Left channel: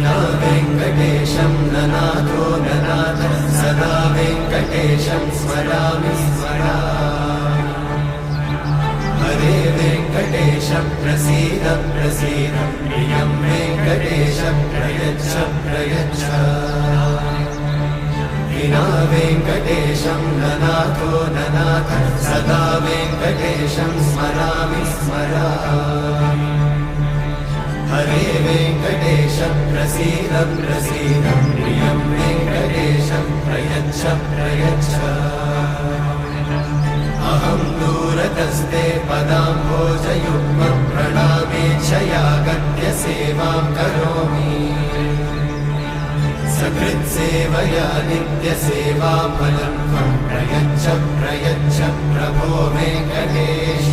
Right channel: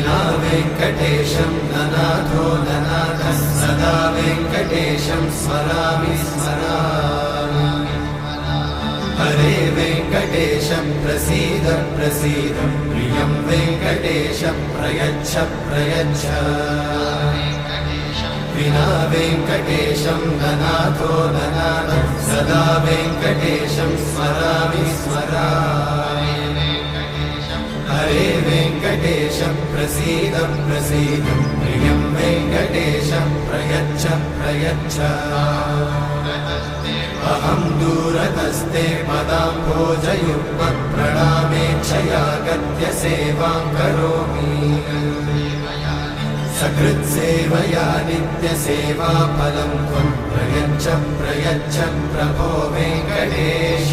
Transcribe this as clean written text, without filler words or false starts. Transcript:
विना वेङ्कटेशं ननाथो ननाथः सदा वेङ्कटेशं स्मरामि स्मरामि हरे वेङ्कटेशं प्रसीद प्रसीद प्रियं वेङ्कटेशं प्रयच्छ प्रयच्छ विना वेङ्कटेशं ननाथो ननाथः सदा वेङ्कटेशं स्मरामि स्मरामि हरे वेङ्कटेशं प्रसीद प्रसीद प्रियं वेङ्कटेशं प्रयच्छ प्रयच्छ अहं दूरतस्ते पदाम्भोजयुग्मं प्रणामेच्छया गद्यसेवां करोमि सकृत्सेवया नित्यसेवाफलं त्वं प्रयच्छ प्रयच्छ प्रभो वेङ्कटेश।